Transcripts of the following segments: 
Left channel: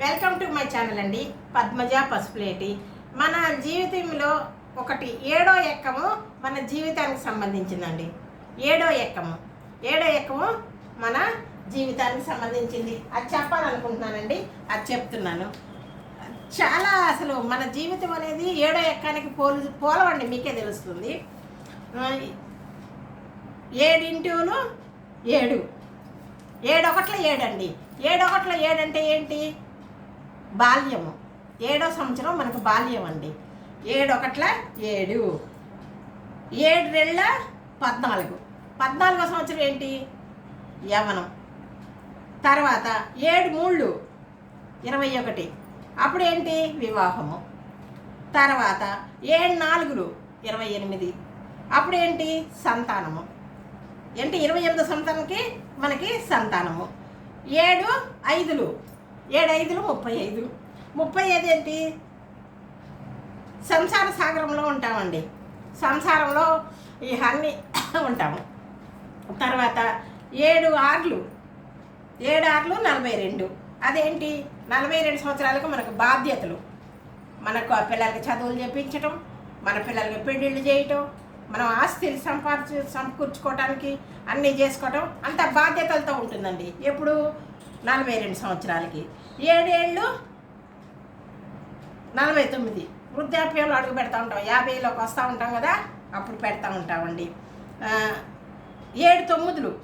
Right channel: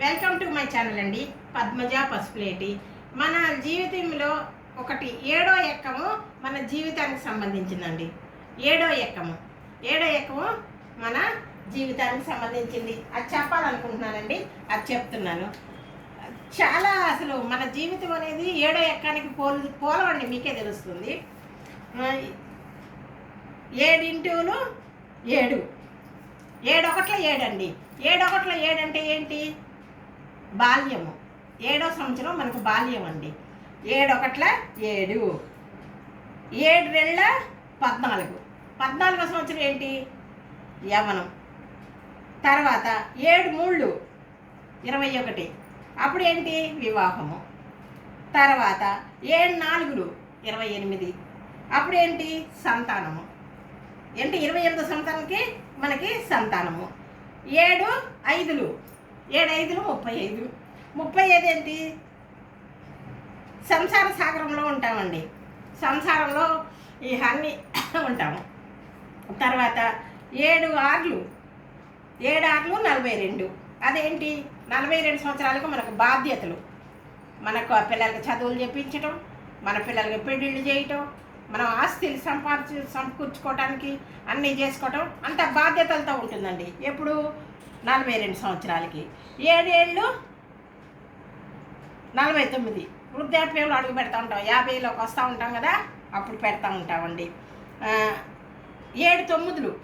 Welcome to my channel అండి పద్మజ పసుపులేటి. మన జీవితంలో ఒకటి ఏడో ఎక్కము మన జీవితానికి సంబంధించిందండి. ఏడో ఎక్కము ఏడో ఎక్కము మన జీవితానికి సంబంధించింది. అది చెప్పాలనుకుంటున్నానండి అది చెప్తున్నాను. చాలా అసలు మన జీవితం అనేది ఏడో ఎక్కానికి పోలు పోలవండి మీకే తెలుస్తుంది. ఏడింటూను ఏడు. ఏడొకట్ల ఏడండి. ఏడొకట్ల ఏడంటే ఏంటి? బాల్యము. ఏడో సంవత్సరం మనకు బాల్యం అండి. ఏడొకట్ల ఏడు. ఏడు రెళ్ళ పద్నాలుగు. పద్నాలుగో సంవత్సరం ఏంటి? యవనం. తర్వాత ఏడు మూళ్ళు. ఇరవై ఒకటి. అప్పుడు ఏంటి? వివాహము. తర్వాత ఏడు నాలుగులు. ఇరవై ఎనిమిది. అప్పుడు ఏంటి? సంతానము. ఏంటి? ఇరవై ఎనిమిదో సంతానంకి మనకి సంతానము. ఏడు ఐదులు. ఏడైదులు ముప్పై ఐదు ముప్పై ఐదు ఏంటి సంసార సాగరంలో ఉంటామండి. సంసారంలో ఈ అన్ని ఉంటాము. తర్వాత ఏడు ఆర్లు. ఏడు ఆర్లు నలభై రెండు అదేంటి? నలభై రెండు సంవత్సరాలకు మనకు బాధ్యతలు. మనకు ఆ పిల్లలకి చదువులు చెప్పించడం మన పిల్లలకి పెళ్ళిళ్ళు చేయటం మనం ఆస్తిని సంపాదించు సమకూర్చుకోవడానికి అన్నీ చేసుకోవటం అంత బాధ్యతలతో ఉంటుందండి. ఎప్పుడు? నలభై రెండు సంవత్సరాలకి. ఏడేళ్ళు? నలభై తొమ్మిది. వృద్ధాప్యంలో అడుగు పెడతా ఉంటాం యాభైలోకి వస్తూ ఉంటాం కదా? అప్పుడు పెడతా ఉంటామండి ఏడు తొమ్మిదిలు.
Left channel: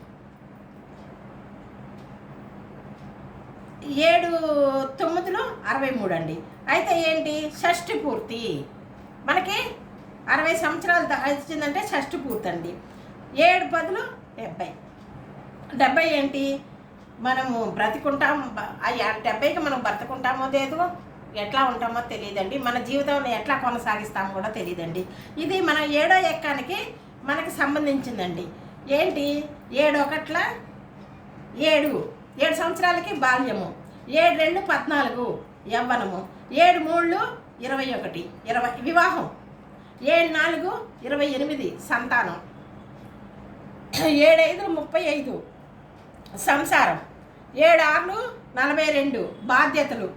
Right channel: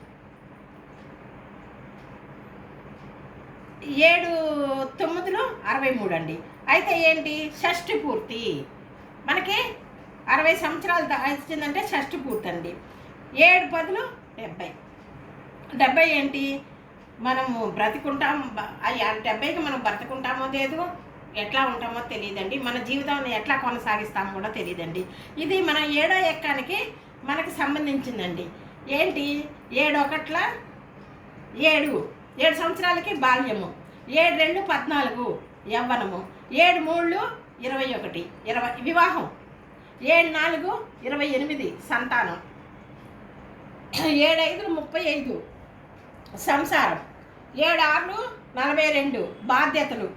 ఏడు తొమ్మిదిలో అరవై మూడు అండి అయితే ఏంటి? షష్ఠి పూర్తి. మనకి అరవై సంవత్సరాలు దా- వచ్చిందంటే షష్ఠి పూర్తి అండి ఏడు పదులు డెబ్బై. డెబ్బై ఏంటి? మనము బ్రతికుంటాం డెబ్బైకి మనం బ్రతుకుంటామో లేదు ఎట్లా ఉంటామో తెలియదండి. మన జీవితం ఎట్లా కొనసాగిస్తామో కూడా తెలియదండి. ఇది మన ఏడో ఎక్కానికి మనకి సంబంధించిందండి. ఏంటి? ఏడు ఒకట్ల ఏడు. ఏడు సంవత్సరాలకి బాల్యము. ఏడు రెండు పద్నాలుగు యవ్వనము. ఏడు మూళ్ళు ఇరవై ఒకటి. ఇరవై వివాహం. ఏడు నాలుగు ఇరవై ఎనిమిది సంతానం. ఏడు ఐదు ముప్పై ఐదు. సంసారం. ఏడు ఆరు నలభై రెండు బాధ్యతలు.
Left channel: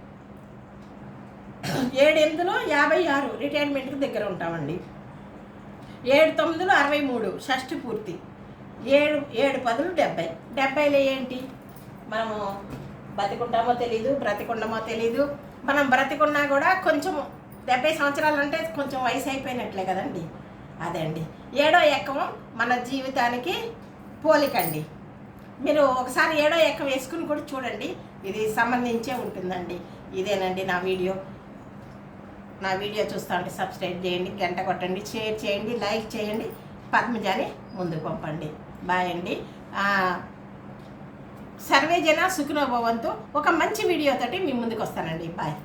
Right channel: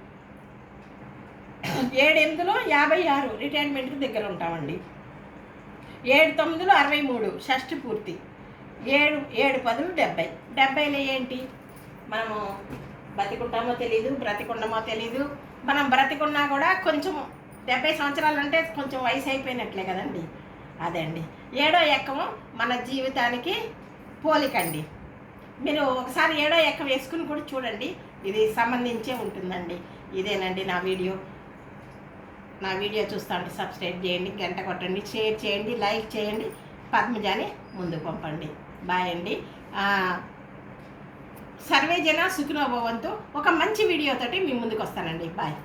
ఏడు ఎనిమిదిలో యాభై ఆరు రిటైర్మెంట్కి దగ్గర ఉంటామండి. ఏడు తొమ్మిదిలో అరవై మూడు షష్టి పూర్తి. ఏడు ఏడు పదులు డెబ్బై. డెబ్బైలో ఏంటి? మనము బ్రతికుంటామో తెలీదు బ్రతికుండమో తెలీదు. మనం బ్రతికున్నా కూడా కొంచెం డెబ్బై సంవత్సరాలు అంటే కొంచెం వయసు అయిపోయినట్లే కదండి. అదే అండి ఏడో ఎక్కము మన జీవితానికి పోలికండి. మీరు ఒకసారి ఏడో ఎక్క వేసుకుని కూడా చూడండి. ఇది సంబంధించే ఉంటుందండి. ఇదేనండి నా వీడియో. నా వీడియో చూస్తా ఉంటే సబ్స్క్రైబ్ చేయండి గంట కొట్టండి షేర్ చేయండి లైక్ చేయండి పద్మజాని ముందు పంపండి. బాయ్ అండి. సర్వేజన సర్వే ఒక మంచి వీడియోతోటి మీ ముందుకు వస్తానండి. బాయ్.